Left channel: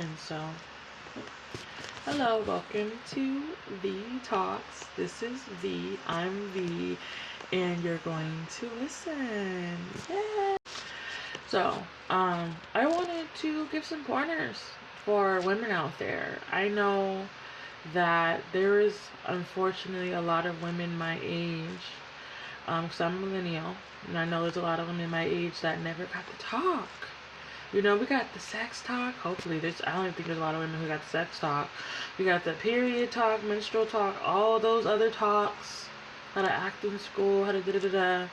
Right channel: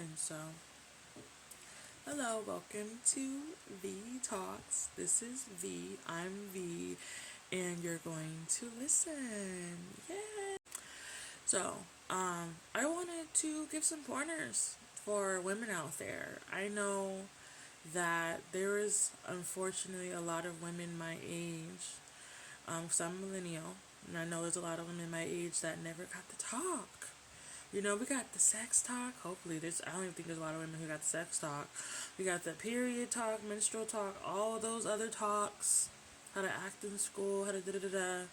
And so, hello, welcome to V Talks. This is V. I'm V, and you're going to listen. Yeah. So, I wanted to give some pointers for women out there. I know that there is unfortunately a lot of women my age, because I'm a millennial, and I know there's a lot of women my age that never got to talk. You know, we got the sex talk. Hopefully, I don't even think there's a lot of women who got the sex talk. We got the period talk, menstrual talk, all those other talks. How to act in school, how to da da da da.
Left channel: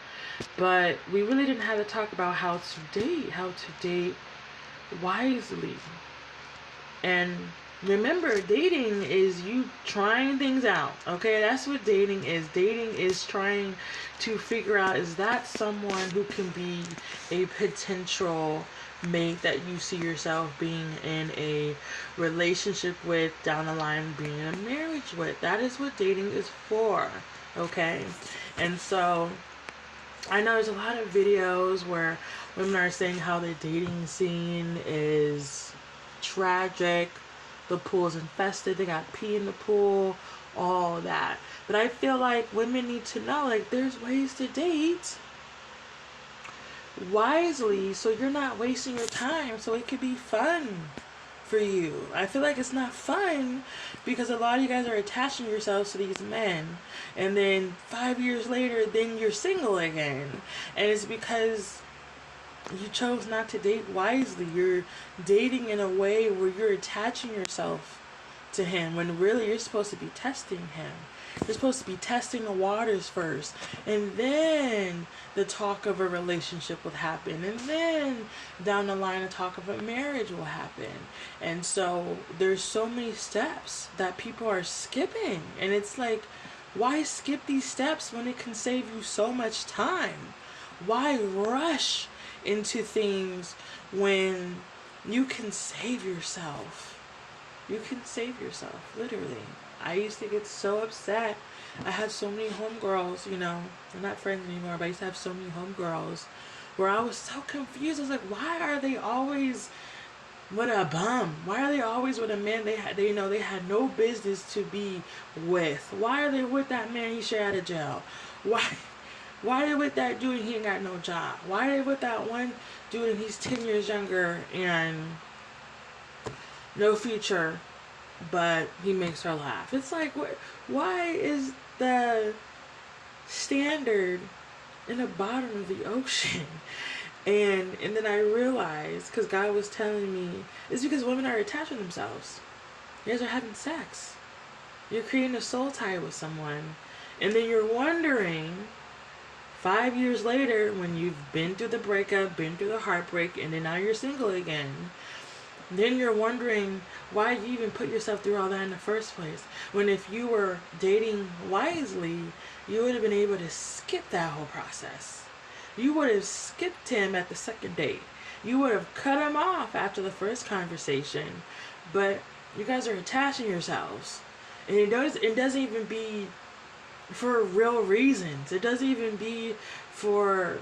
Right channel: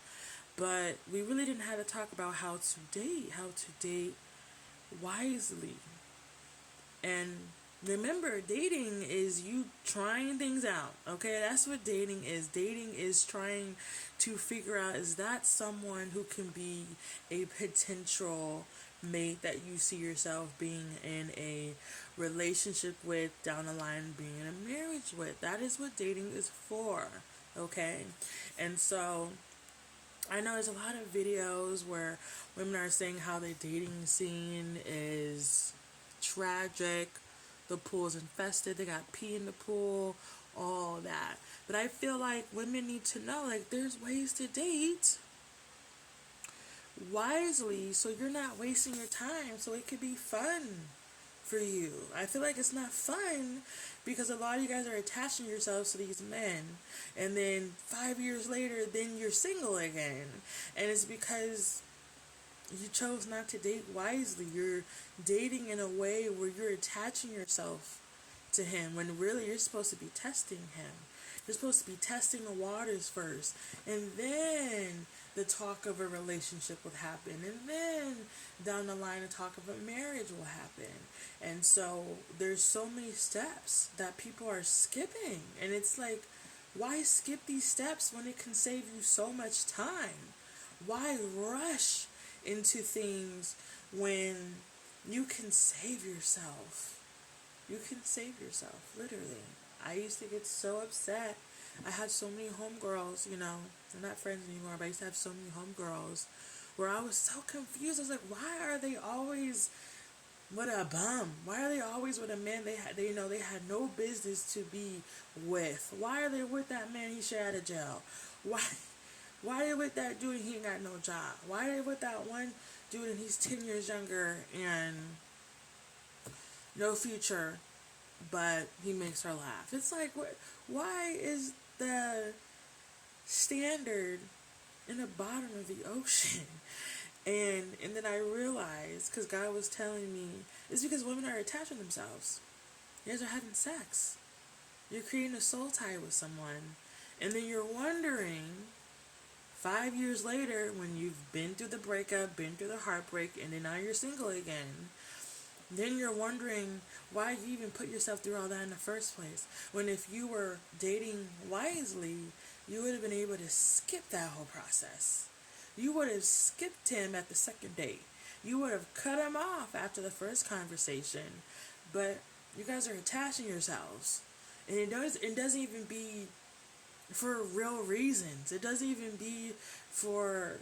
But we really didn't have to talk about how to date wisely. And remember, dating is you trying things out. Okay, that's what dating is. Dating is trying to figure out, is that someone who can be a potential mate that you see yourself being in a relationship with, down the line being in a marriage with. That is what dating is for. Okay, and so I know there's a lot of videos where women are saying how the dating scene is tragic, the pool's infested, they got pee in the pool, all that. But I feel like women need to know, like, there's ways to date wisely so you're not wasting your time, so it could be fun for you. I feel like it's not fun because a lot of you guys are attaching yourselves to these men, and then 5 years later, then you're single again. And it's because you chose not to date wisely. You're dating in a way where you're attaching yourself to him when really you're supposed to be testing him. You're supposed to be testing the waters first, and then the talk of a relationship will happen, and then down the line the talk of a marriage will happen. And so there's so many steps that people are skipping, and it's like, why skip these steps when it can save you so much time? Why rush into things when you can save yourself? You can save yourself, literally. I used to get so upset. I had so many homegirls, you know, we're not friends anymore, but I used to have so many homegirls where I was so confused. I was like, why are they always with a bum? Why are they always with a man they had no business to be with? Why are they with that man he straight out of jail? Why are they with that dude and he ain't got no job? Why are they with that one dude and he's 10 years younger and no future, but he makes her laugh? It's like, why is the standard in the bottom of the ocean? And then I realized, because God was telling me, it's because women are attaching themselves. You guys are having sex. You're creating a soul tie with someone. And then you're wondering, 5 years later, when you've been through the breakup, been through the heartbreak, and then now you're single again, then you're wondering why you even put yourself through all that in the first place. When if you were dating wisely, you would have been able to skip that whole process. You would have skipped him at the second date. You would have cut him off after the first conversation. But you guys are attaching yourselves. And it doesn't even be for real reasons. It doesn't even be for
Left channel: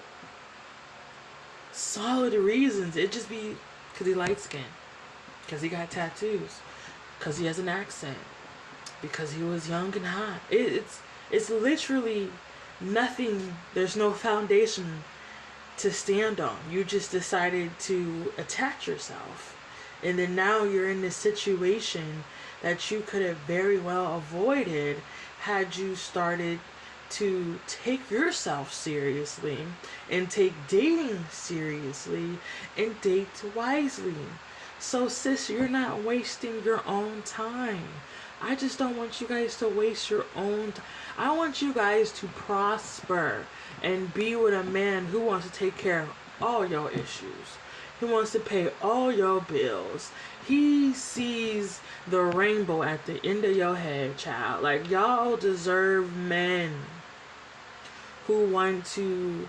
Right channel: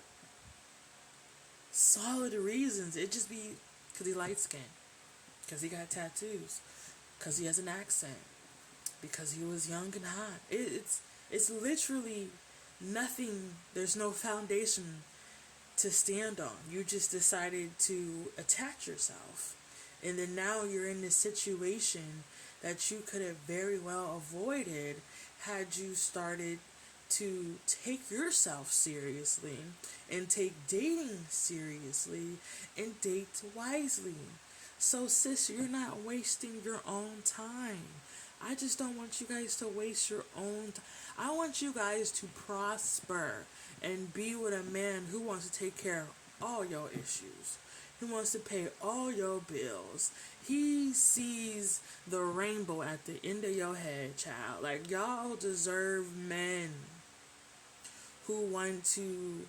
solid reasons. It just be because he light skinned, because he got tattoos, because he has an accent, because he was young and hot. It's literally nothing. There's no foundation to stand on. You just decided to attach yourself, and then now you're in this situation that you could have very well avoided had you started to take yourself seriously and take dating seriously and date wisely. So sis, you're not wasting your own time. I just don't want you guys to waste your own time. I want you guys to prosper and be with a man who wants to take care of all your issues. He wants to pay all your bills. He sees the rainbow at the end of your head, child. Like, y'all deserve men who want to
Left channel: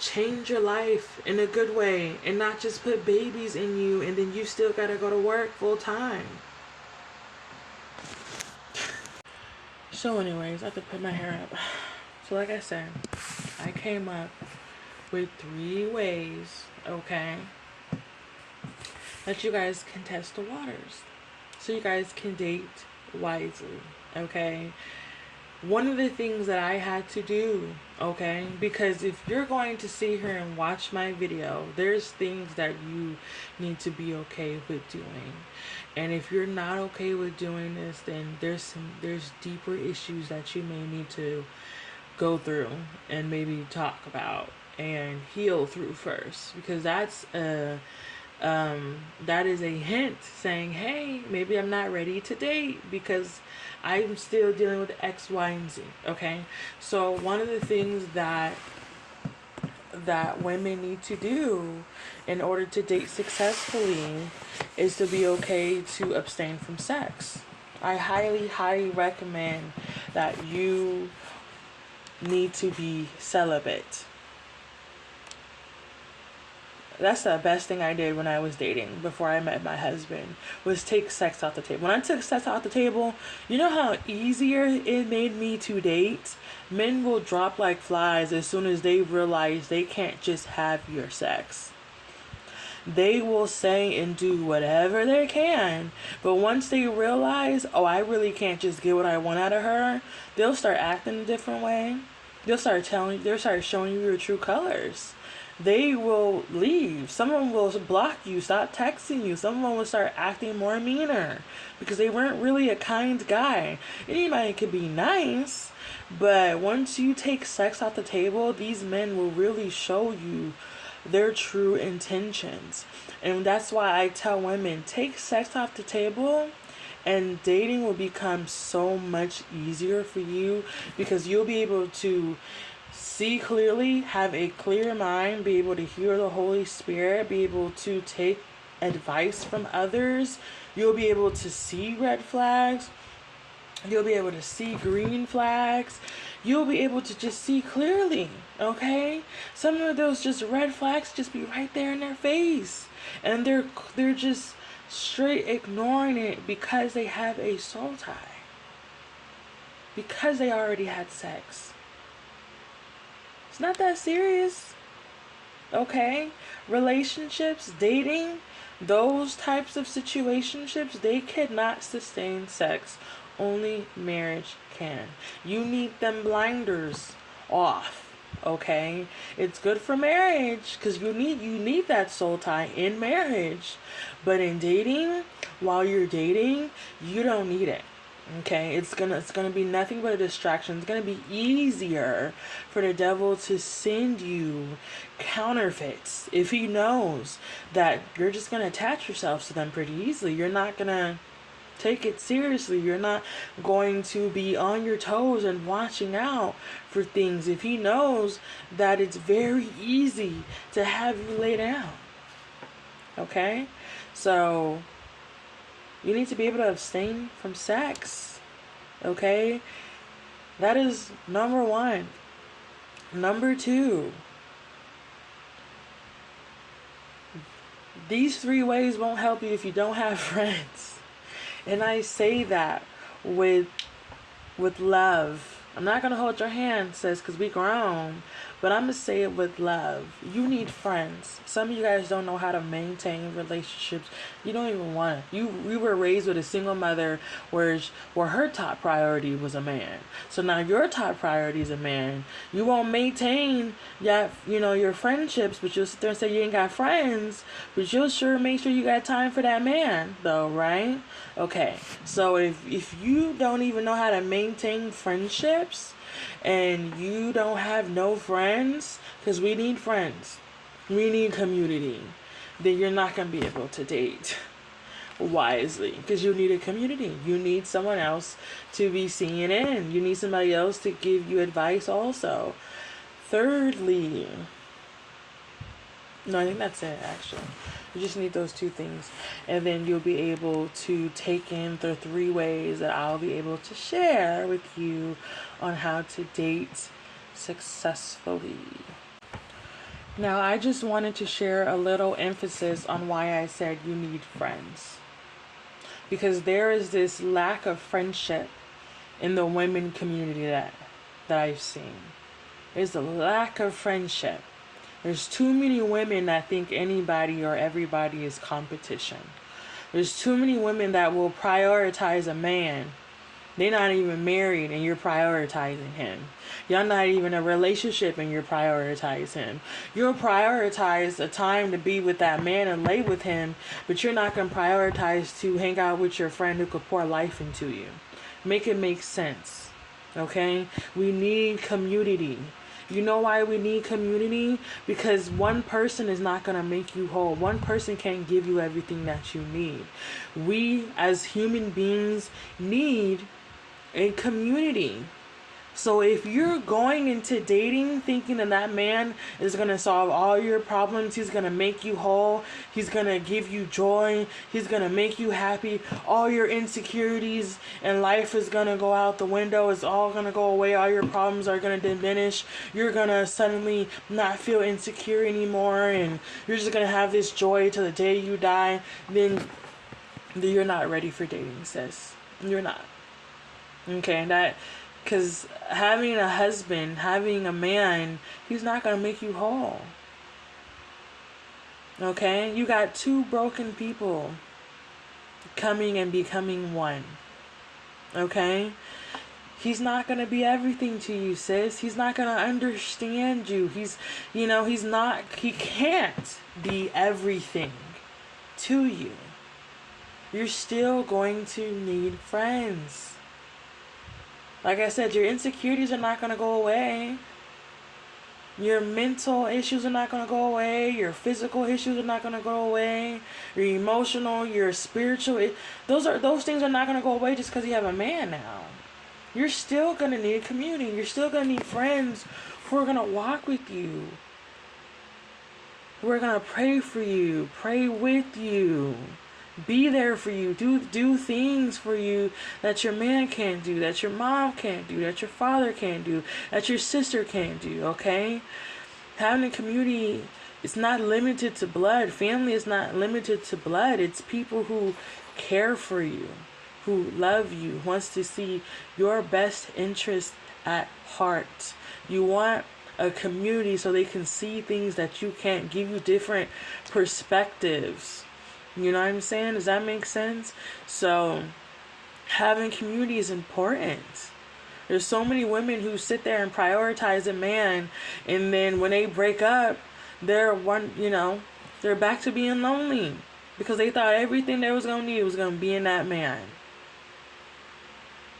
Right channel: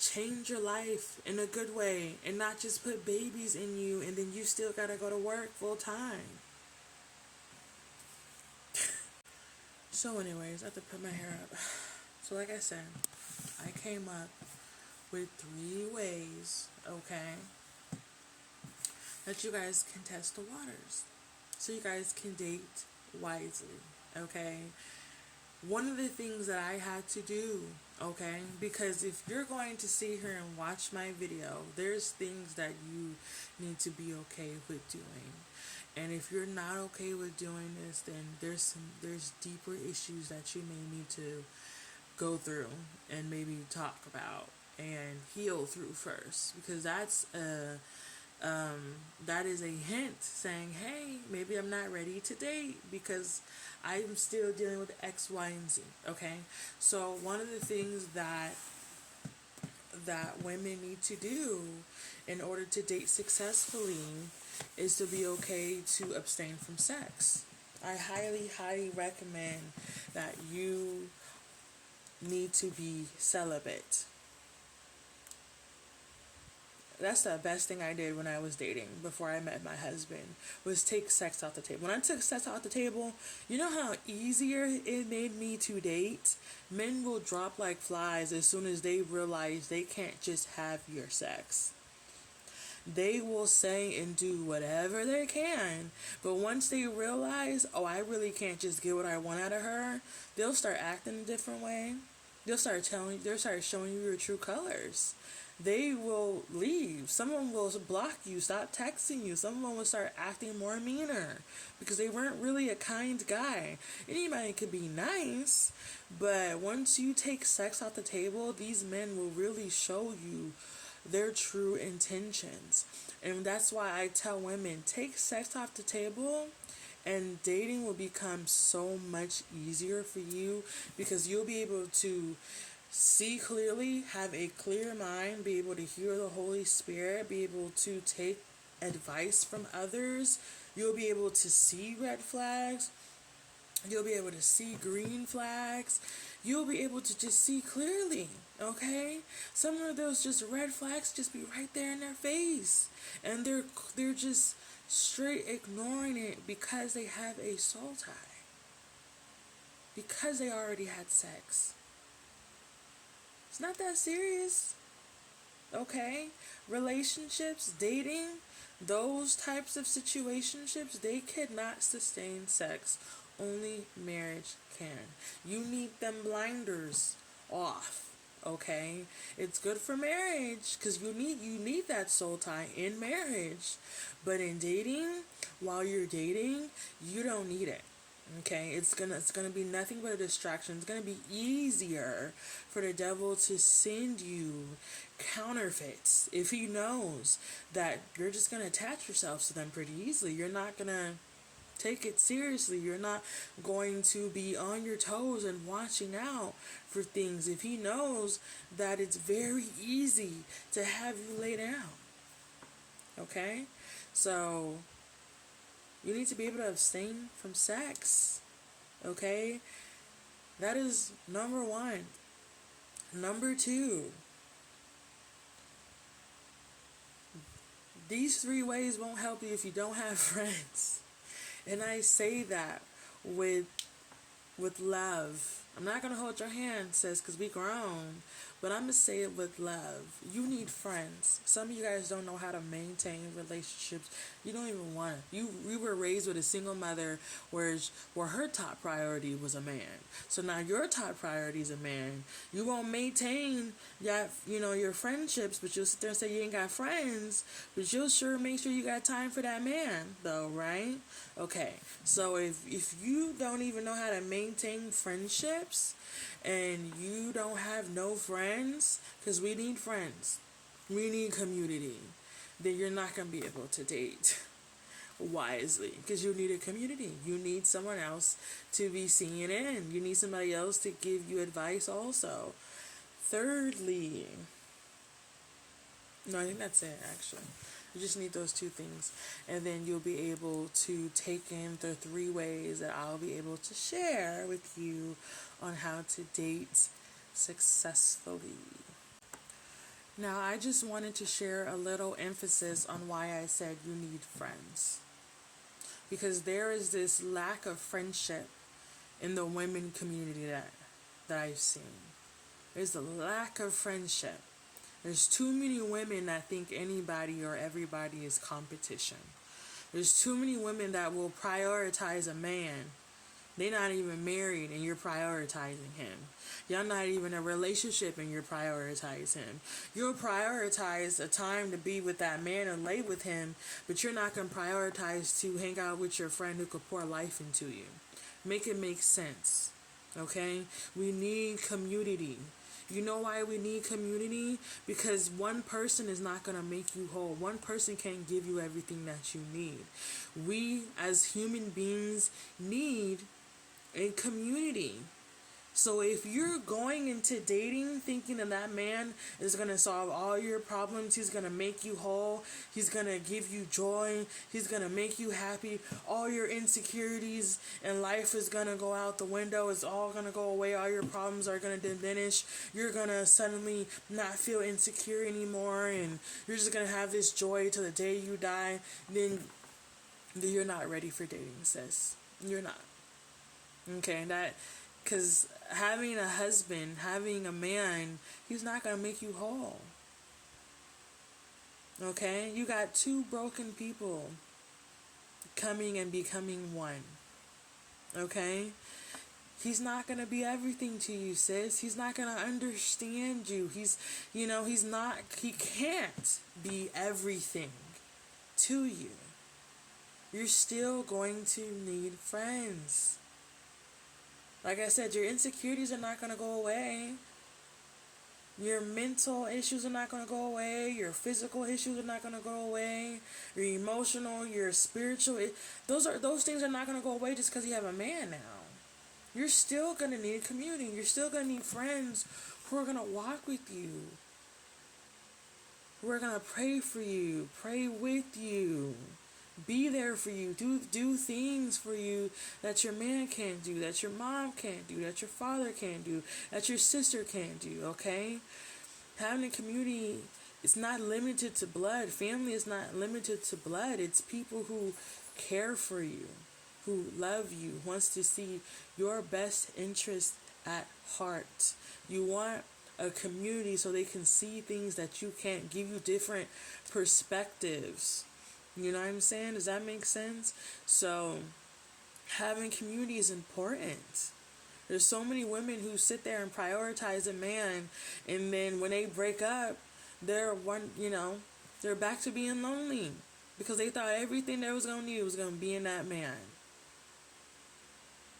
change your life in a good way and not just put babies in you and then you still gotta go to work full time. So anyways, I have to put my hair up. So like I said, I came up with 3 ways, okay, that you guys can test the waters. So you guys can date wisely, okay? One of the things that I had to do, okay, because if you're going to sit here and watch my video, there's things that you need to be okay with doing. And if you're not okay with doing this, then there's deeper issues that you may need to go through and maybe talk about and heal through first, because that is a hint saying, hey, maybe I'm not ready to date because I'm still dealing with X, Y, and Z. Okay, so one of the things that women need to do in order to date successfully is to be okay to abstain from sex. I highly, highly recommend that you need to be celibate. That's the best thing I did when I was dating before I met my husband, was take sex off the table. When I took sex off the table, you know how easier it made me to date? Men will drop like flies as soon as they realize they can't just have your sex. They will say and do whatever they can, but once they realize, oh, I really can't just get what I want out of her, they'll start acting a different way. They'll start showing you your true colors. They will leave. Some of them will block you, stop texting you. Some of them will start acting more meaner because they weren't really a kind guy. Anybody could be nice, but once you take sex off the table, these men will really show you their true intentions. And that's why I tell women, take sex off the table and dating will become so much easier for you, because you'll be able to see clearly, have a clear mind, be able to hear the Holy Spirit, be able to take advice from others. You'll be able to see red flags. You'll be able to see green flags. You'll be able to just see clearly, okay? Some of those just red flags just be right there in their face. And they're just straight ignoring it because they have a soul tie. Because they already had sex. It's not that serious, okay? Relationships, dating, those types of situationships, they cannot sustain sex. Only marriage can. You need them blinders off, okay? It's good for marriage because you need that soul tie in marriage, but in dating, while you're dating, you don't need it. Okay, it's gonna be nothing but a distraction. It's gonna be easier for the devil to send you counterfeits if he knows that you're just gonna attach yourselves to them pretty easily. You're not gonna take it seriously. You're not going to be on your toes and watching out for things if he knows that it's very easy to have you lay down. Okay, so you need to be able to abstain from sex. Okay? That is number 1. Number 2. These 3 ways won't help you if you don't have friends. And I say that with love. I'm not going to hold your hand, sis, because we grown. But I'm going to say it with love. You need friends. Some of you guys don't know how to maintain relationships. You don't even want it. We were raised with a single mother where her top priority was a man. So now your top priority is a man. You won't maintain your friendships, but you'll sit there and say you ain't got friends. But you'll sure make sure you got time for that man, though, right? Okay. So if you don't even know how to maintain friendships, and you don't have no friends, because we need friends, we need community, then you're not going to be able to date wisely, because you need a community. You need someone else to be seeing in. You need somebody else to give you advice also. Thirdly, no, I think that's it, actually. You just need those 2 things. And then you'll be able to take in the 3 ways that I'll be able to share with you on how to date successfully. Now, I just wanted to share a little emphasis on why I said you need friends. Because there is this lack of friendship in the women community that I've seen. There's a lack of friendship. There's too many women that think anybody or everybody is competition. There's too many women that will prioritize a man. They're not even married and you're prioritizing him. Y'all not even in a relationship and you're prioritizing him. You'll prioritize a time to be with that man and lay with him, but you're not going to prioritize to hang out with your friend who could pour life into you. Make it make sense. Okay? We need community. You know why we need community? Because one person is not going to make you whole. One person can't give you everything that you need. We, as human beings, need a community. So if you're going into dating thinking that man is going to solve all your problems, he's going to make you whole, he's going to give you joy, he's going to make you happy, all your insecurities in life is going to go out the window, it's all going to go away, all your problems are going to diminish, you're going to suddenly not feel insecure anymore, and you're just going to have this joy till the day you die, then you're not ready for dating, sis. You're not. Okay, because having a husband, having a man, he's not going to make you whole. Okay? You got two broken people coming and becoming one. Okay? He's not going to be everything to you, sis. He's not going to understand you. He can't be everything to you. You're still going to need friends. Like I said, your insecurities are not going to go away. Your mental issues are not going to go away. Your physical issues are not going to go away. Your emotional, your spiritual, those things are not going to go away just because you have a man now. You're still going to need a community. You're still going to need friends who are going to walk with you. Who are going to pray for you, pray with you. Be there for you. Do things for you that your man can't do, that your mom can't do, that your father can't do, that your sister can't do, okay? Having a community is not limited to blood. Family is not limited to blood. It's people who care for you, who love you, wants to see your best interest at heart. You want a community so they can see things that you can't, give you different perspectives. You know what I'm saying? Does that make sense? So, having community is important. There's so many women who sit there and prioritize a man, and then when they break up, they're back to being lonely because they thought everything they was gonna need was gonna be in that man.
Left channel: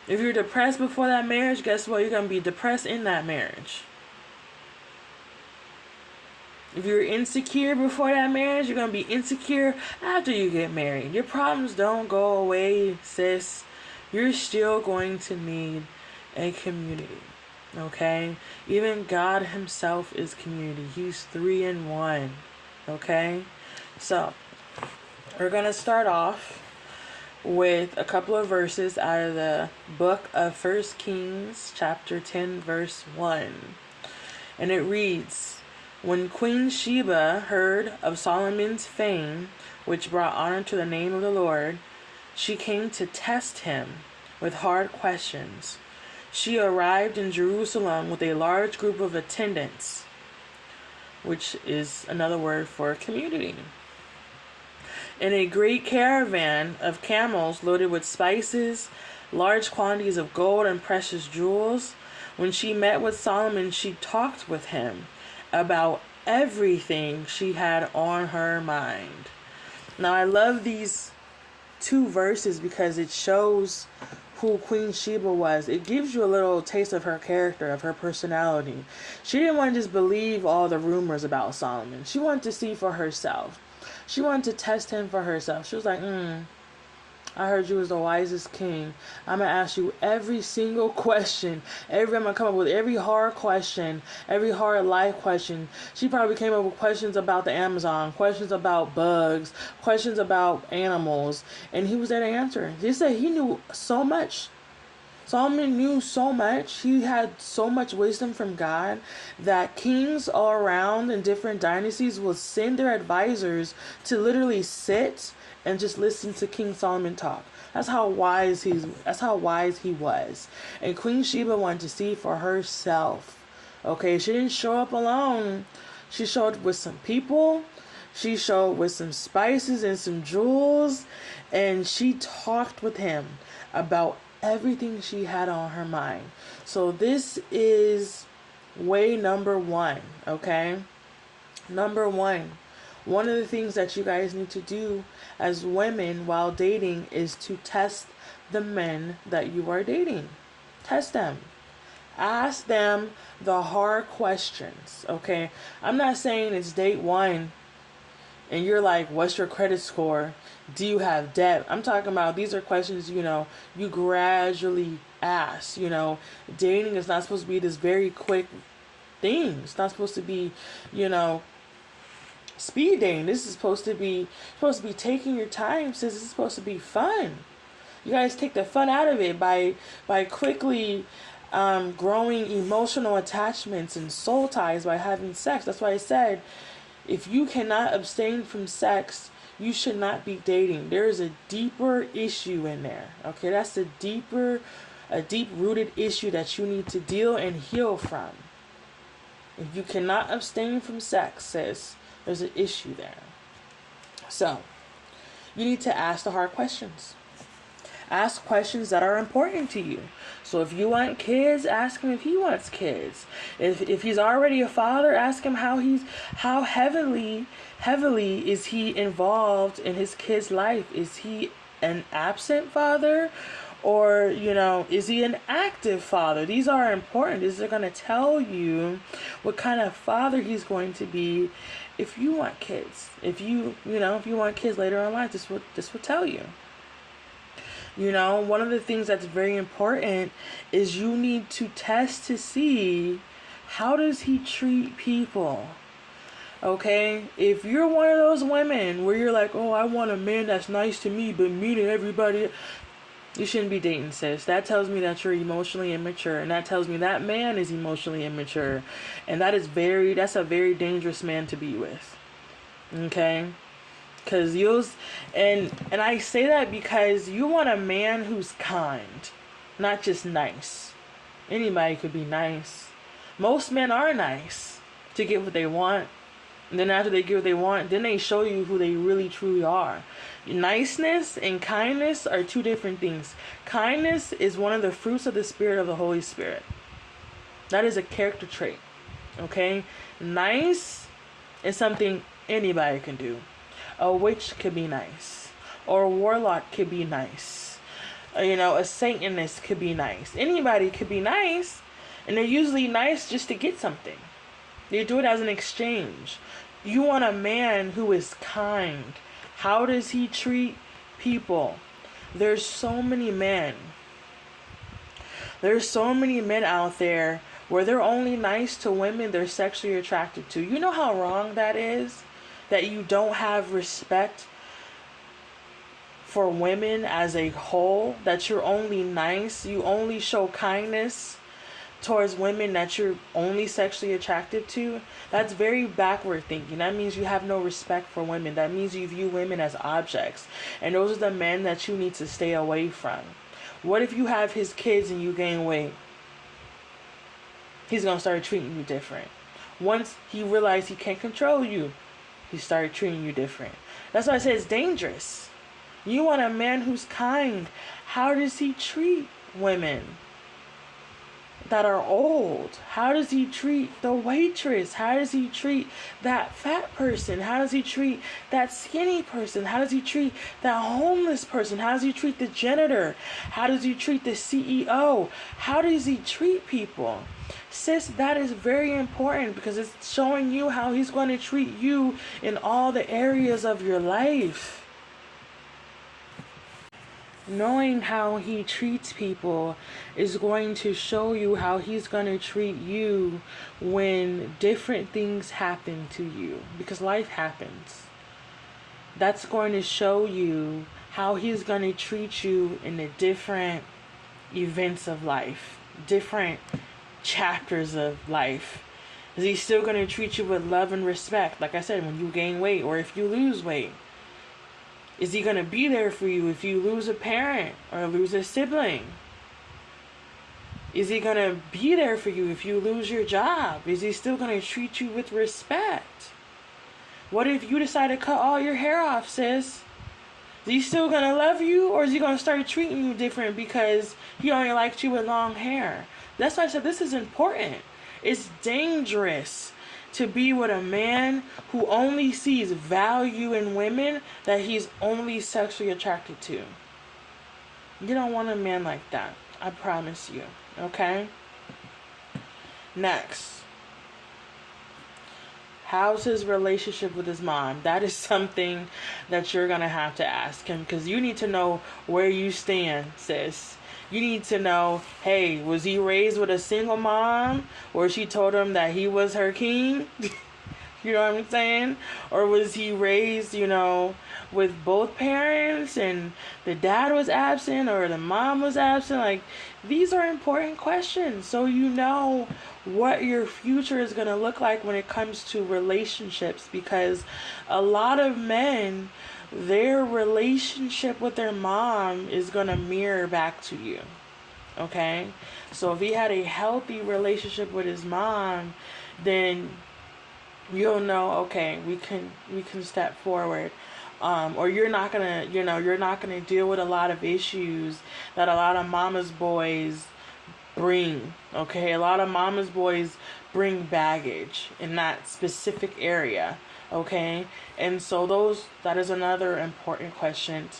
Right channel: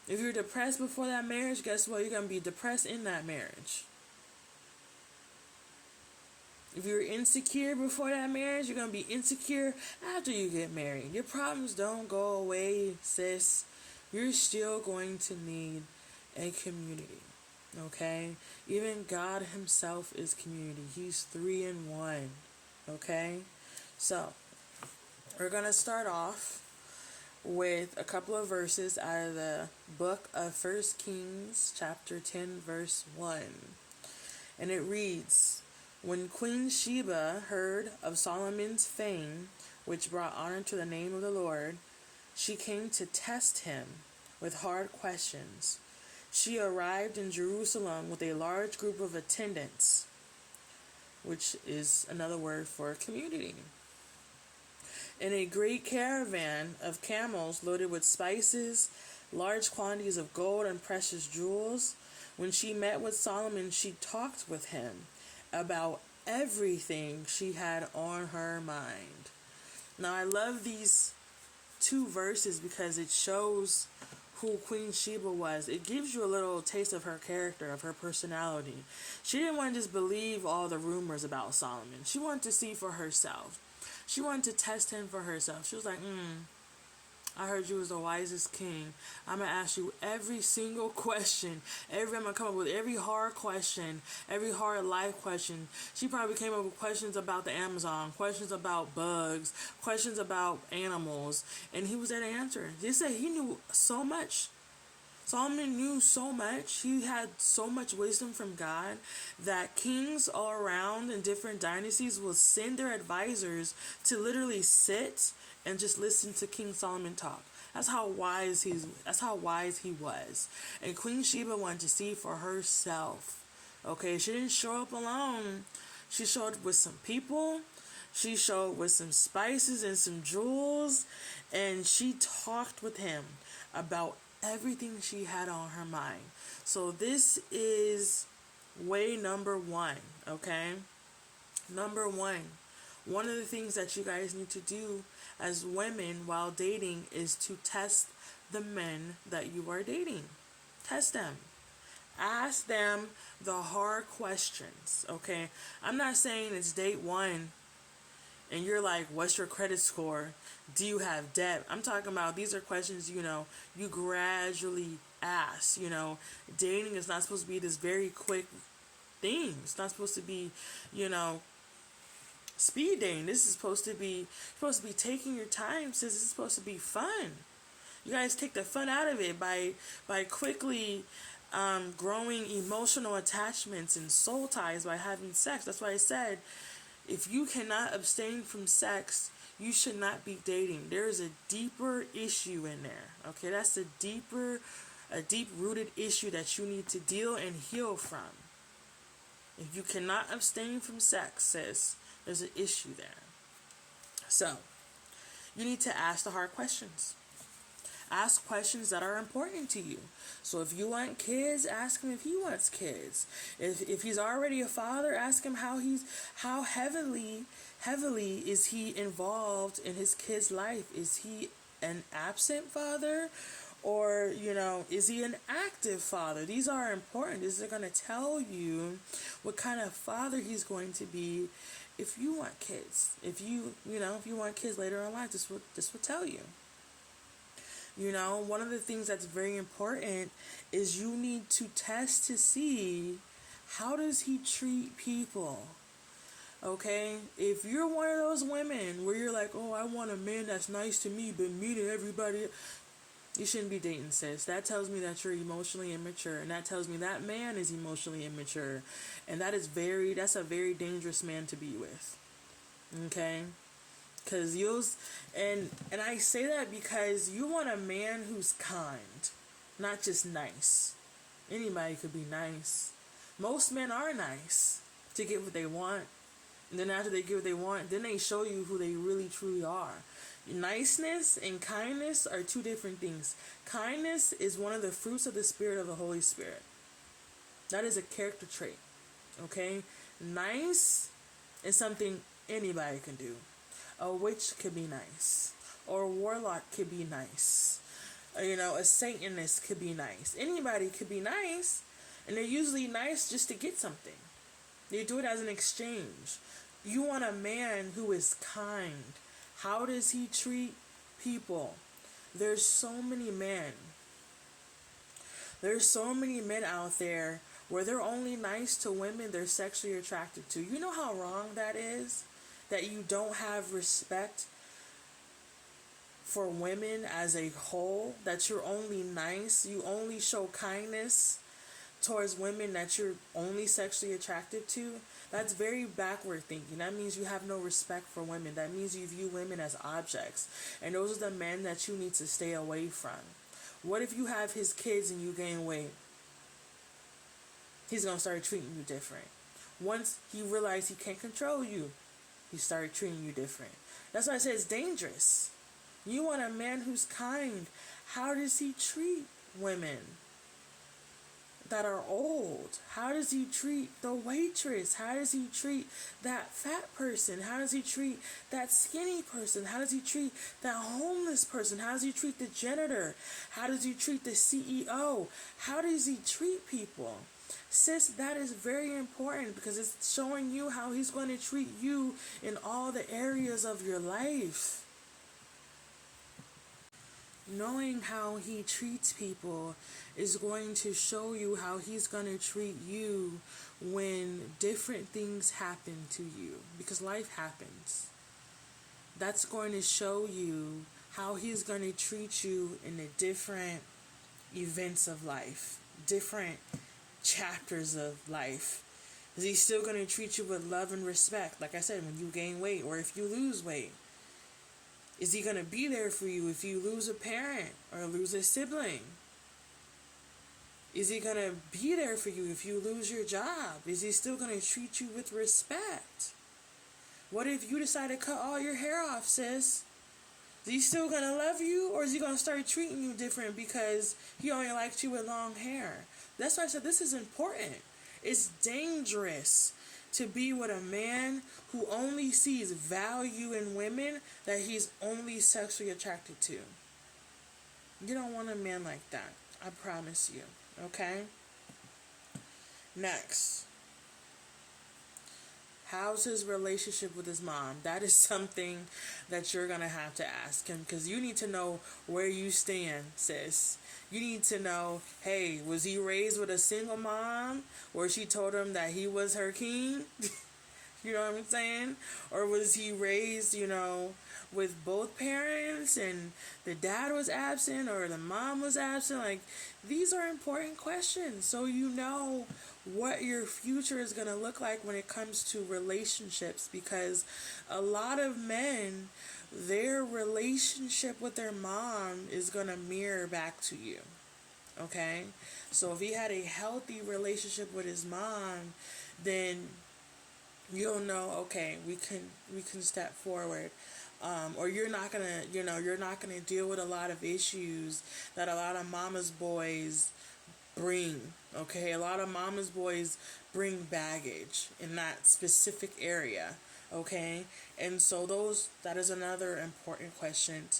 If you're depressed before that marriage, guess what? You're gonna be depressed in that marriage. If you're insecure before that marriage, you're going to be insecure after you get married. Your problems don't go away, sis. You're still going to need a community. Okay? Even God himself is community. He's 3 in 1. Okay? So, we're going to start off with a couple of verses out of the book of 1 Kings, chapter 10, verse 1. And it reads, "When Queen Sheba heard of Solomon's fame, which brought honor to the name of the Lord, she came to test him with hard questions. She arrived in Jerusalem with a large group of attendants," which is another word for community, "in a great caravan of camels loaded with spices, large quantities of gold and precious jewels. When she met with Solomon, she talked with him about everything she had on her mind." Now, I love these two verses because it shows who Queen Sheba was. It gives you a little taste of her character, of her personality. She didn't want to just believe all the rumors about Solomon. She wanted to see for herself. She wanted to test him for herself. She was like, I heard you was the wisest king. I'm going to ask you every single question. I'm going to come up with every hard question, every hard life question. She probably came up with questions about the Amazon, questions about bugs, questions about animals. And he was there to answer. They said he knew so much. Solomon knew so much. He had so much wisdom from God that kings all around in different dynasties will send their advisors to literally sit and just listen to King Solomon talk. That's how wise he was. And Queen Sheba wanted to see for herself. Okay, she didn't show up alone. She showed up with some people. She showed up with some spices and some jewels. And she talked with him about everything she had on her mind. So this is way number one, okay? Number one of the things that you guys need to do as women while dating is to test the men that you are dating. Test them. Ask them the hard questions, okay? I'm not saying it's date one and you're like, what's your credit score? Do you have debt? I'm talking about these are questions, you gradually ask. Dating is not supposed to be this very quick thing. It's not supposed to be, speed dating. This is supposed to be taking your time, since it's supposed to be fun. You guys take the fun out of it by quickly growing emotional attachments and soul ties by having sex. That's why I said, if you cannot abstain from sex, you should not be dating. There is a deeper issue in there. Okay, that's a deep-rooted issue that you need to deal and heal from. If you cannot abstain from sex, sis, there's an issue there. So, you need to ask the hard questions. Ask questions that are important to you. So if you want kids, ask him if he wants kids. If he's already a father, ask him how heavily is he involved in his kid's life. Is he an absent father, or is he an active father? These are important. These are going to tell you what kind of father he's going to be if you want kids. If you want kids later in life, this will tell you. One of the things that's very important is you need to test to see, how does he treat people? Okay? If you're one of those women where you're like, oh, I want a man that's nice to me but mean to everybody, you shouldn't be dating, sis. That tells me that you're emotionally immature, and that tells me that man is emotionally immature, and that's a very dangerous man to be with. Okay? Because and I say that because you want a man who's kind, not just nice. Anybody could be nice. Most men are nice to get what they want. And then after they get what they want, then they show you who they really truly are. Niceness and kindness are two different things. Kindness is one of the fruits of the Spirit of the Holy Spirit. That is a character trait. Okay? Nice is something anybody can do. A witch could be nice, or a warlock could be nice. A Satanist could be nice. Anybody could be nice, and they're usually nice just to get something. They do it as an exchange. You want a man who is kind. How does he treat people? There's so many men out there where they're only nice to women they're sexually attracted to. You know how wrong that is? That you don't have respect for women as a whole, that you're only nice, you only show kindness towards women that you're only sexually attracted to. That's very backward thinking. That means you have no respect for women. That means you view women as objects. And those are the men that you need to stay away from. What if you have his kids and you gain weight? He's going to start treating you different. Once he realizes he can't control you, he started treating you different. That's why I say it's dangerous. You want a man who's kind. How does he treat women that are old? How does he treat the waitress? How does he treat that fat person? How does he treat that skinny person? How does he treat that homeless person? How does he treat the janitor? How does he treat the CEO? How does he treat people? Sis, that is very important because it's showing you how he's going to treat you in all the areas of your life. Knowing how he treats people is going to show you how he's going to treat you when different things happen to you, because life happens. That's going to show you how he's going to treat you in the different events of life, different chapters of life. Is he still going to treat you with love and respect? Like I said, when you gain weight or if you lose weight. Is he going to be there for you if you lose a parent or lose a sibling? Is he going to be there for you if you lose your job? Is he still going to treat you with respect? What if you decide to cut all your hair off, sis? Is he still going to love you, or is he going to start treating you different because he only liked you with long hair? That's why I said this is important. It's dangerous to be with a man who only sees value in women that he's only sexually attracted to. You don't want a man like that. I promise you. Okay? Next. How's his relationship with his mom? That is something that you're going to have to ask him, because you need to know where you stand, sis. You need to know, hey, was he raised with a single mom where she told him that he was her king? You know what I'm saying? Or was he raised, with both parents and the dad was absent or the mom was absent? Like, these are important questions, so you know what your future is going to look like when it comes to relationships, because a lot of men, their relationship with their mom is going to mirror back to you. Okay? So if he had a healthy relationship with his mom, then you'll know, okay, we can step forward. Or you're not gonna deal with a lot of issues that a lot of mama's boys bring. Okay, a lot of mama's boys bring baggage in that specific area. Okay, and so that is another important question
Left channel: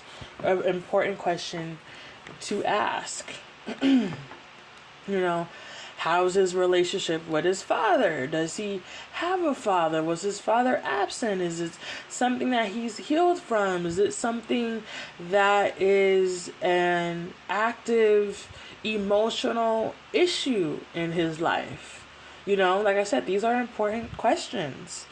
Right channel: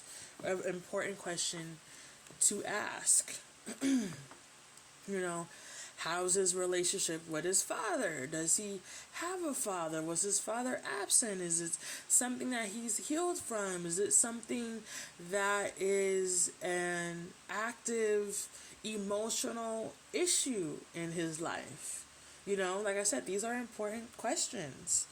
to ask. How's his relationship with his father? Does he have a father? Was his father absent? Is it something that he's healed from? Is it something that is an active emotional issue in his life? Like I said, these are important questions.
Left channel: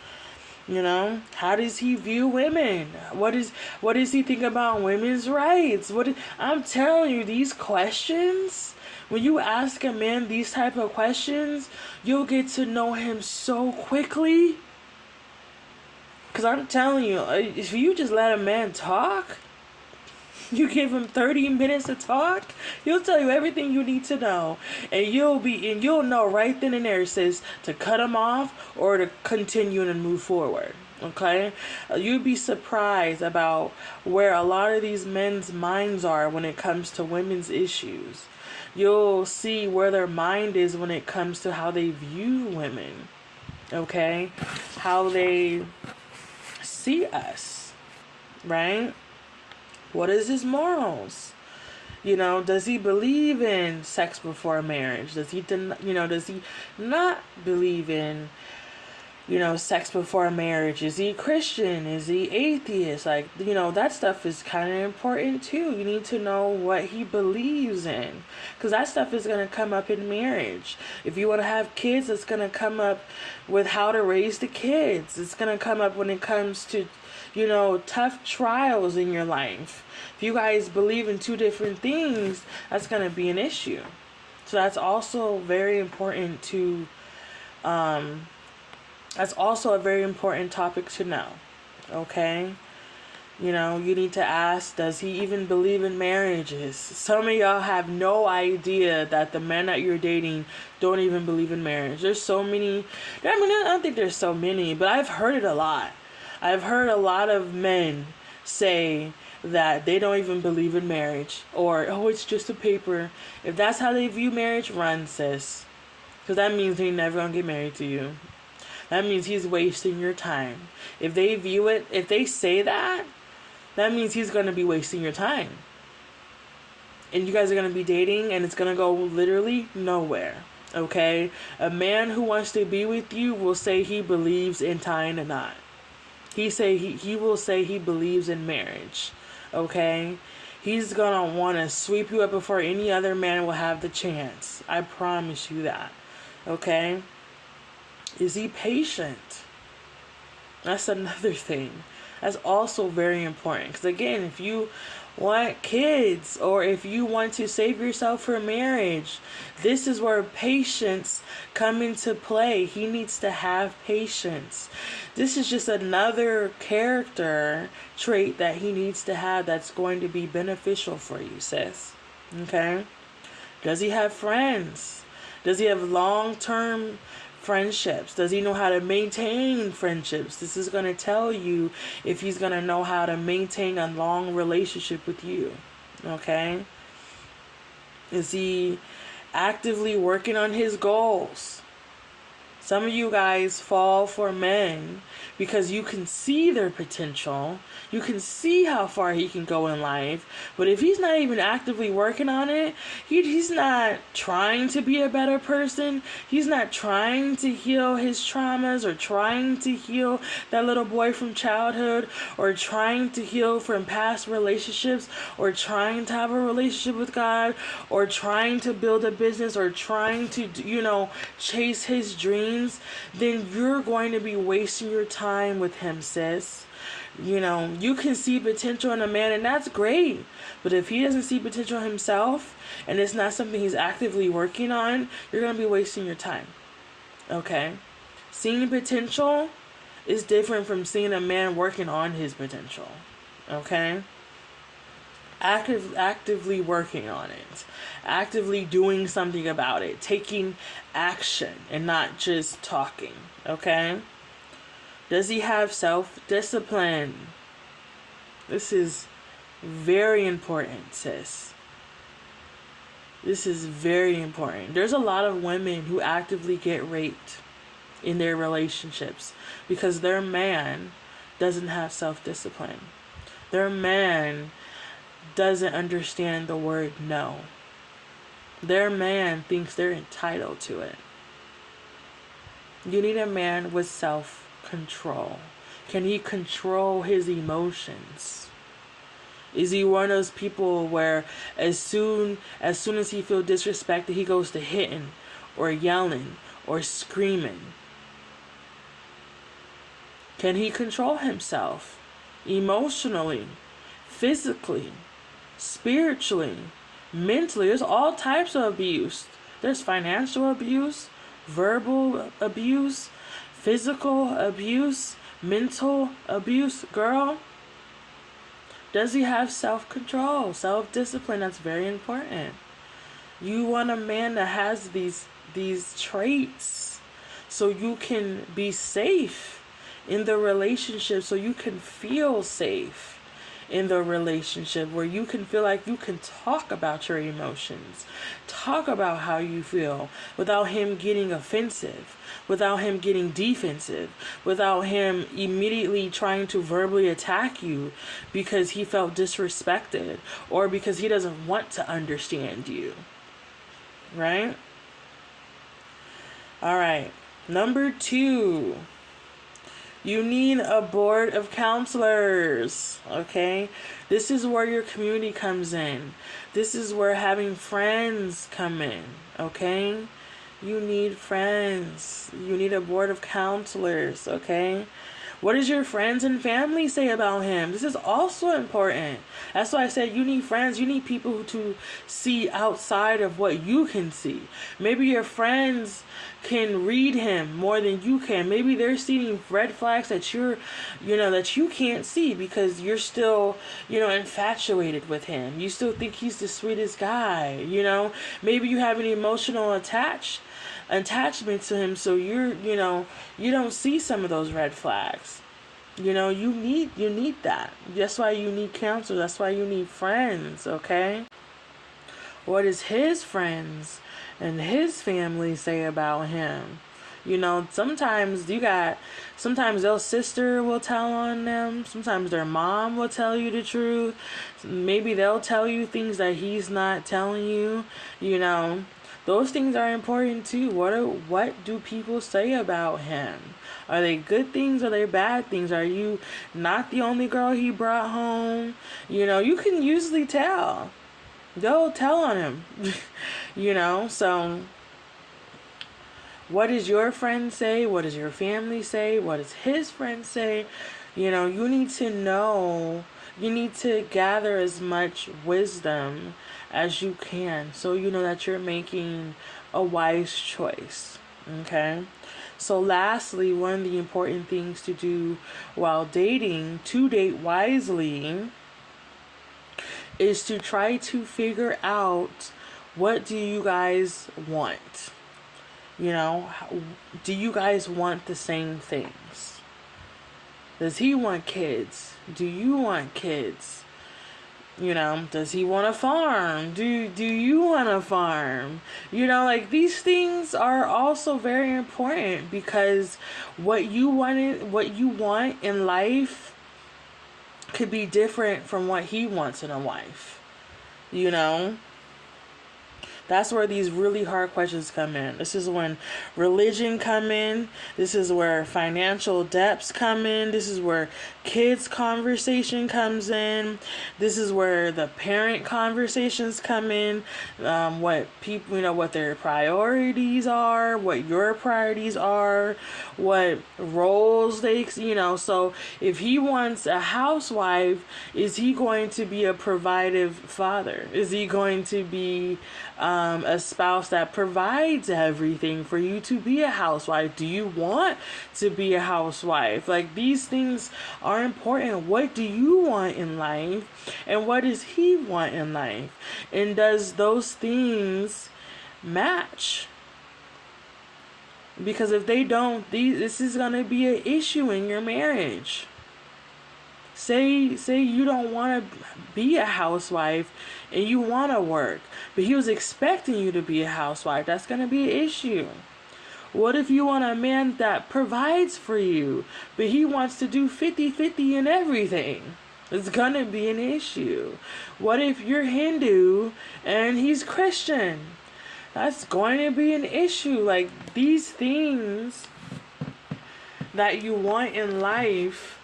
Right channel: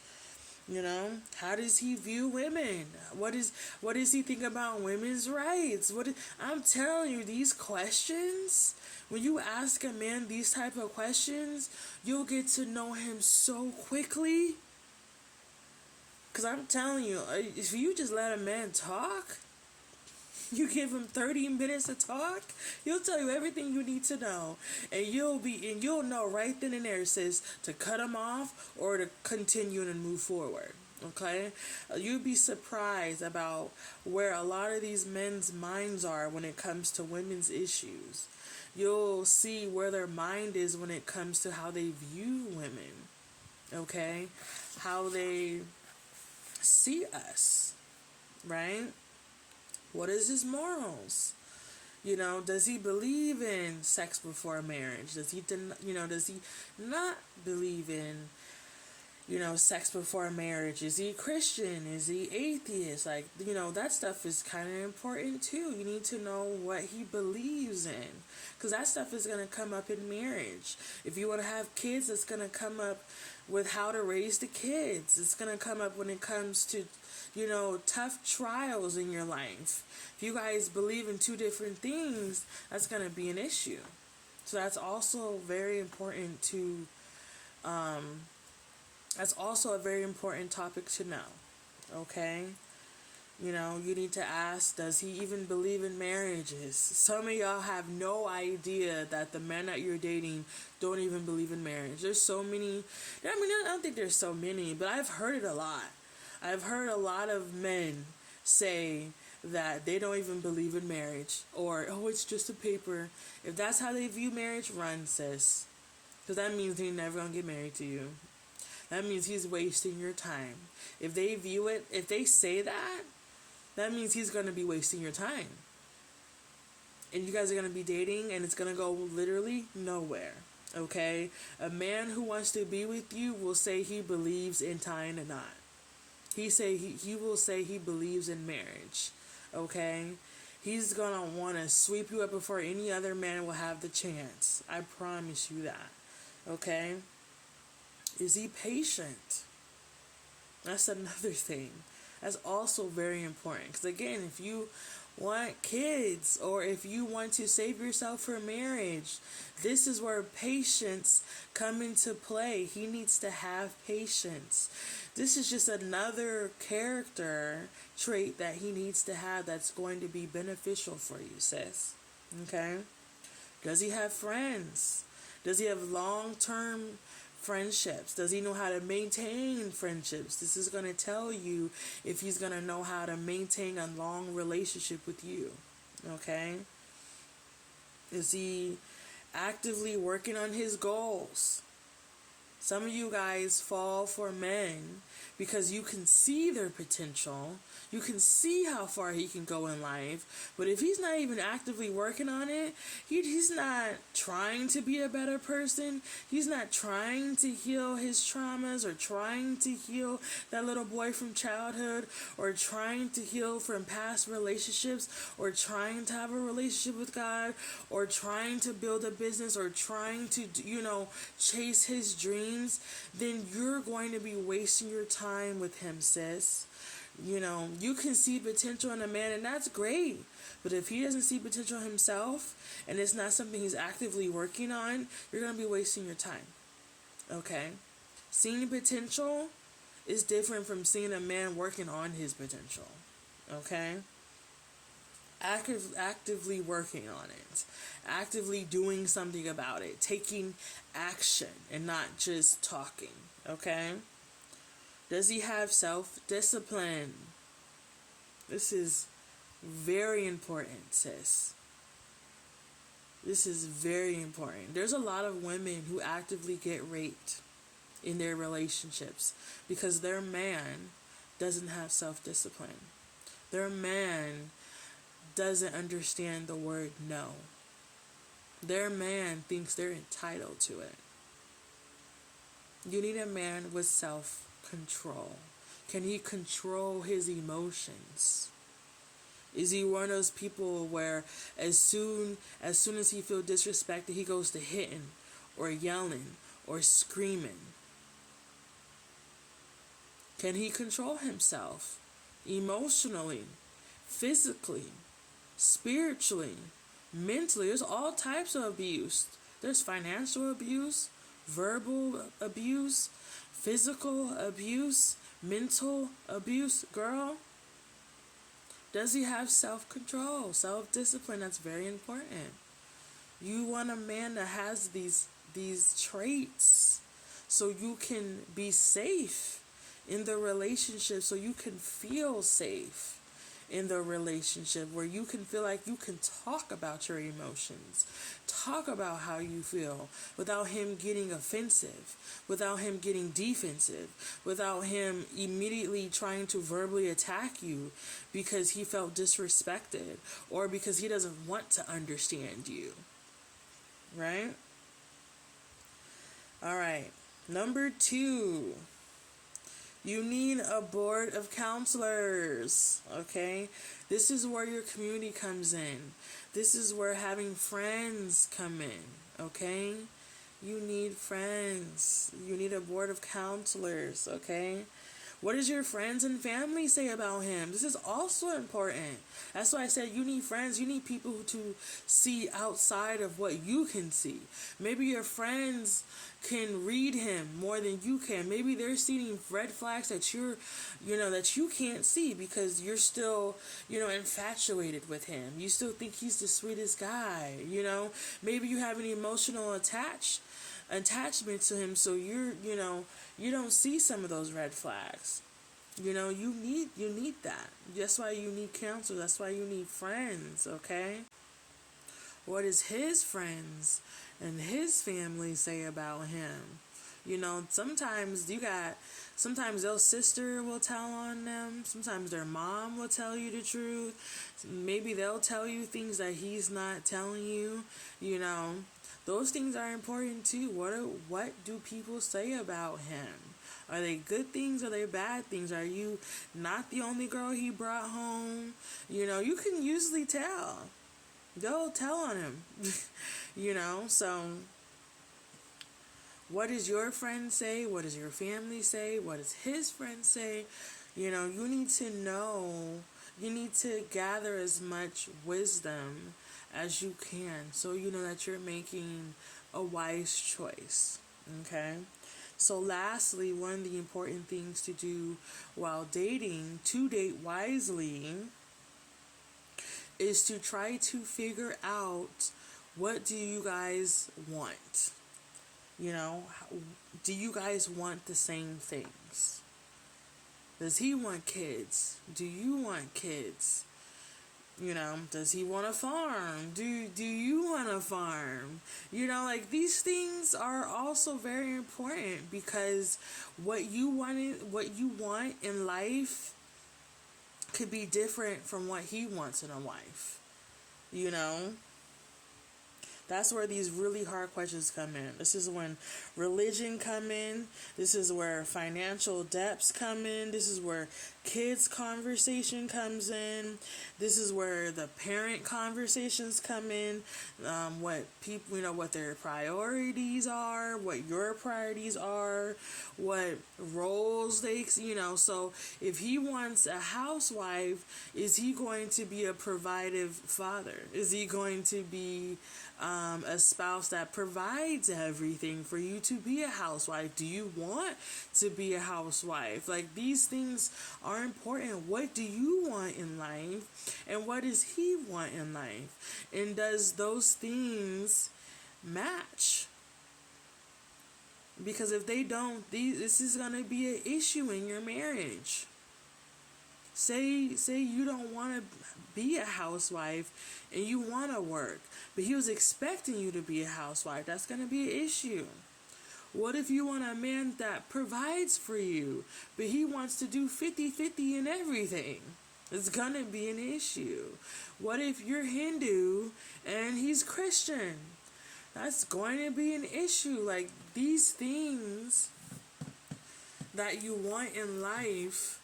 How does he view women? What does he think about women's rights? I'm telling you, these questions, when you ask a man these type of questions, you'll get to know him so quickly. Because I'm telling you, if you just let a man talk, you give him 30 minutes to talk, he'll tell you everything you need to know. And you'll know right then and there, sis, to cut him off or to continue and move forward. Okay? You'd be surprised about where a lot of these men's minds are when it comes to women's issues. You'll see where their mind is when it comes to how they view women. Okay? How they see us. Right? What is his morals? Does he believe in sex before marriage? Does he not believe in, sex before marriage? Is he Christian? Is he atheist? That stuff is kind of important too. You need to know what he believes in, because that stuff is going to come up in marriage. If you want to have kids, it's going to come up with how to raise the kids. It's going to come up when it comes to tough trials in your life. If you guys believe in two different things, that's going to be an issue. So that's also very important that's also a very important topic to know. Okay? You need to ask, does he even believe in marriages? Some of y'all have no idea that the men that you're dating don't even believe in marriage. There's so many. I don't think there's so many, but I've heard it a lot. I've heard a lot of men say that they don't even believe in marriage, or, oh, it's just a paper. If that's how they view marriage, run, sis. Because that means they're never going to get married to you. That means he's wasting your time. If they say that means he's going to be wasting your time. And you guys are going to be dating, and it's going to go literally nowhere. Okay? A man who wants to be with you will say he believes in tying a knot. He will say he believes in marriage. Okay? He's gonna want to sweep you up before any other man will have the chance. I promise you that. Okay? Is he patient? That's another thing. That's also very important. Because again, if you want kids, or if you want to save yourself for marriage, this is where patience come into play. He needs to have patience. This is just another character trait that he needs to have that's going to be beneficial for you, sis. Okay? Does he have friends? Does he have long-term friendships? Does he know how to maintain friendships? This is going to tell you if he's going to know how to maintain a long relationship with you. Okay? Is he actively working on his goals? Some of you guys fall for men because you can see their potential. You can see how far he can go in life. But if he's not even actively working on it, he's not trying to be a better person. He's not trying to heal his traumas or trying to heal that little boy from childhood or trying to heal from past relationships or trying to have a relationship with God or trying to build a business or trying to, chase his dreams, then you're going to be wasting your time with him, sis. You can see potential in a man, and that's great. But if he doesn't see potential himself, and it's not something he's actively working on, you're going to be wasting your time. Okay? Seeing potential is different from seeing a man working on his potential. Okay? Actively working on it. Actively doing something about it. Taking action and not just talking. Okay? Does he have self-discipline? This is very important, sis. This is very important. There's a lot of women who actively get raped in their relationships because their man doesn't have self-discipline. Their man doesn't understand the word no. Their man thinks they're entitled to it. You need a man with self-control. Can he control his emotions? Is he one of those people where as soon as he feels disrespected, he goes to hitting or yelling or screaming? Can he control himself emotionally, physically, spiritually, mentally? There's all types of abuse. There's financial abuse, verbal abuse, physical abuse, mental abuse. Girl, does he have self-control, self-discipline? That's very important. You want a man that has these traits so you can be safe in the relationship, so you can feel safe in the relationship, where you can feel like you can talk about your emotions, talk about how you feel without him getting offensive, without him getting defensive, without him immediately trying to verbally attack you because he felt disrespected or because he doesn't want to understand you. Right? All right. Number 2. You need a board of counselors, okay? This is where your community comes in. This is where having friends come in, okay? You need friends. You need a board of counselors, okay? What does your friends and family say about him? This is also important. That's why I said you need friends. You need people to see outside of what you can see. Maybe your friends can read him more than you can. Maybe they're seeing red flags that that you can't see because you're still, infatuated with him. You still think he's the sweetest guy, Maybe you have an emotional attachment to him, so you don't see some of those red flags. You need that. That's why you need counsel. That's why you need friends, okay? What does his friends and his family say about him? Sometimes their sister will tell on them. Sometimes their mom will tell you the truth. Maybe they'll tell you things that he's not telling you, Those things are important too. What do people say about him? Are they good things? Are they bad things? Are you not the only girl he brought home? You can usually tell. They'll tell on him. So what does your friend say? What does your family say? What does his friends say? You need to know. You need to gather as much wisdom as you can, so you know that you're making a wise choice. Okay? So lastly, one of the important things to do while dating, to date wisely, is to try to figure out What do you guys want? You know, do you guys want the same things? Does he want kids? Do you want kids? You know, does he want a farm? Do you want a farm? You know, like, these things are also very important, because what you want in life could be different from what he wants in a wife. You know? That's where these really hard questions come in. This is when religion come in. This is where financial debts come in. This is where kids conversation comes in. This is where the parent conversations come in. What people, what their priorities are, what your priorities are, what roles they, so if he wants a housewife, is he going to be a provider father? Is he going to be a spouse that provides everything for you to be a housewife? Do you want to be a housewife? Like, these things are important. What do you want in life? And what does he want in life? And does those things match? Because if they don't, this is going to be an issue in your marriage. Say you don't want to be a housewife and you want to work, but he was expecting you to be a housewife. That's going to be an issue. What if you want a man that provides for you, but he wants to do 50-50 in everything? It's going to be an issue. What if you're Hindu and he's Christian? That's going to be an issue. Like, these things that you want in life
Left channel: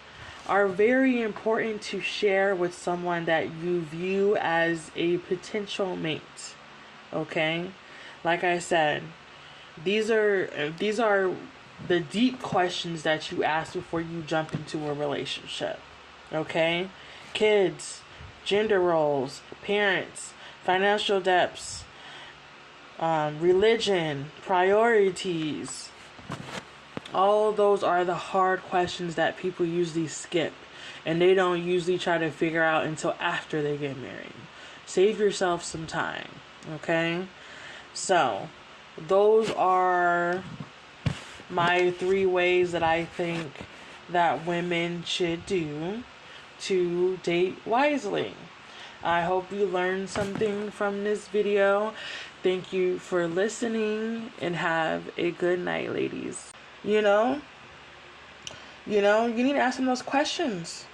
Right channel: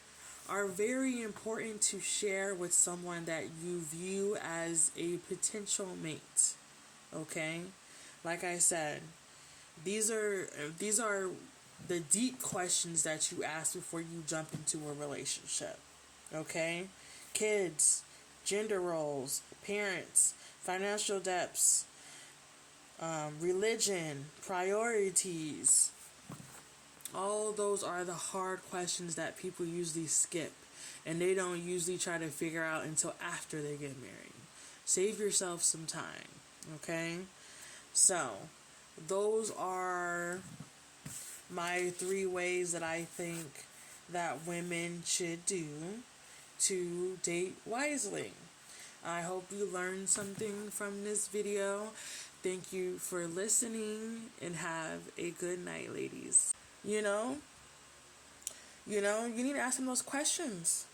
are very important to share with someone that you view as a potential mate. Okay? Like I said, these are the deep questions that you ask before you jump into a relationship. Okay? Kids, gender roles, parents, financial debts, religion, priorities. All those are the hard questions that people usually skip, and they don't usually try to figure out until after they get married. Save yourself some time, okay? So, those are my 3 ways that I think that women should do to date wisely. I hope you learned something from this video. Thank you for listening, and have a good night, ladies. You need to ask them those questions.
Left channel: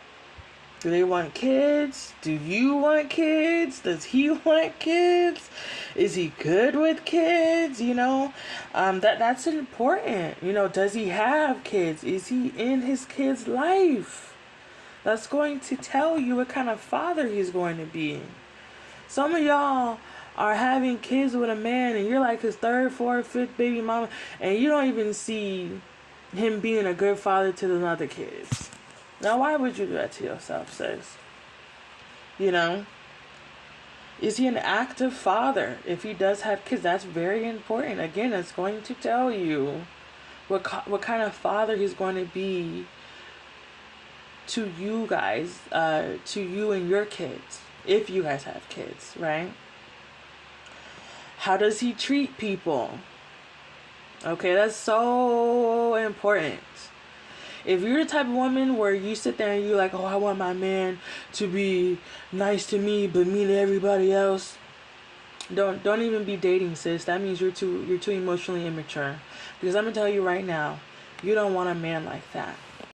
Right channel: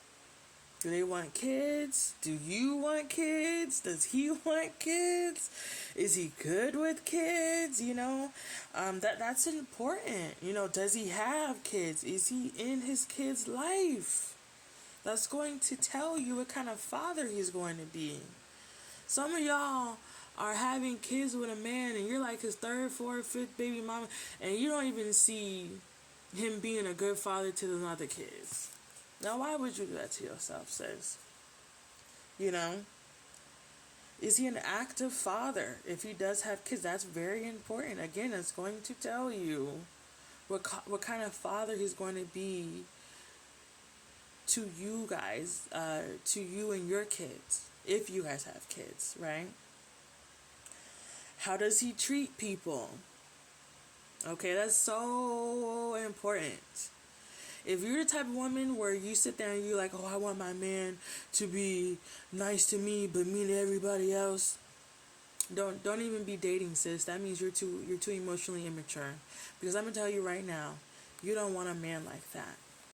Do they want kids? Do you want kids? Does he want kids? Is he good with kids? That's important. Does he have kids? Is he in his kid's life? That's going to tell you what kind of father he's going to be. Some of y'all are having kids with a man and you're like his 3rd, 4th, 5th baby mama, and you don't even see him being a good father to those other kids. Now, why would you do that to yourself, sis? Is he an active father? If he does have kids, that's very important. Again, it's going to tell you what kind of father he's going to be to you guys, to you and your kids, if you guys have kids, right? How does he treat people? Okay, that's so important. If you're the type of woman where you sit there and you're like, oh, I want my man to be nice to me but mean to everybody else, don't even be dating, sis. That means you're too emotionally immature. Because I'm gonna tell you right now, you don't want a man like that.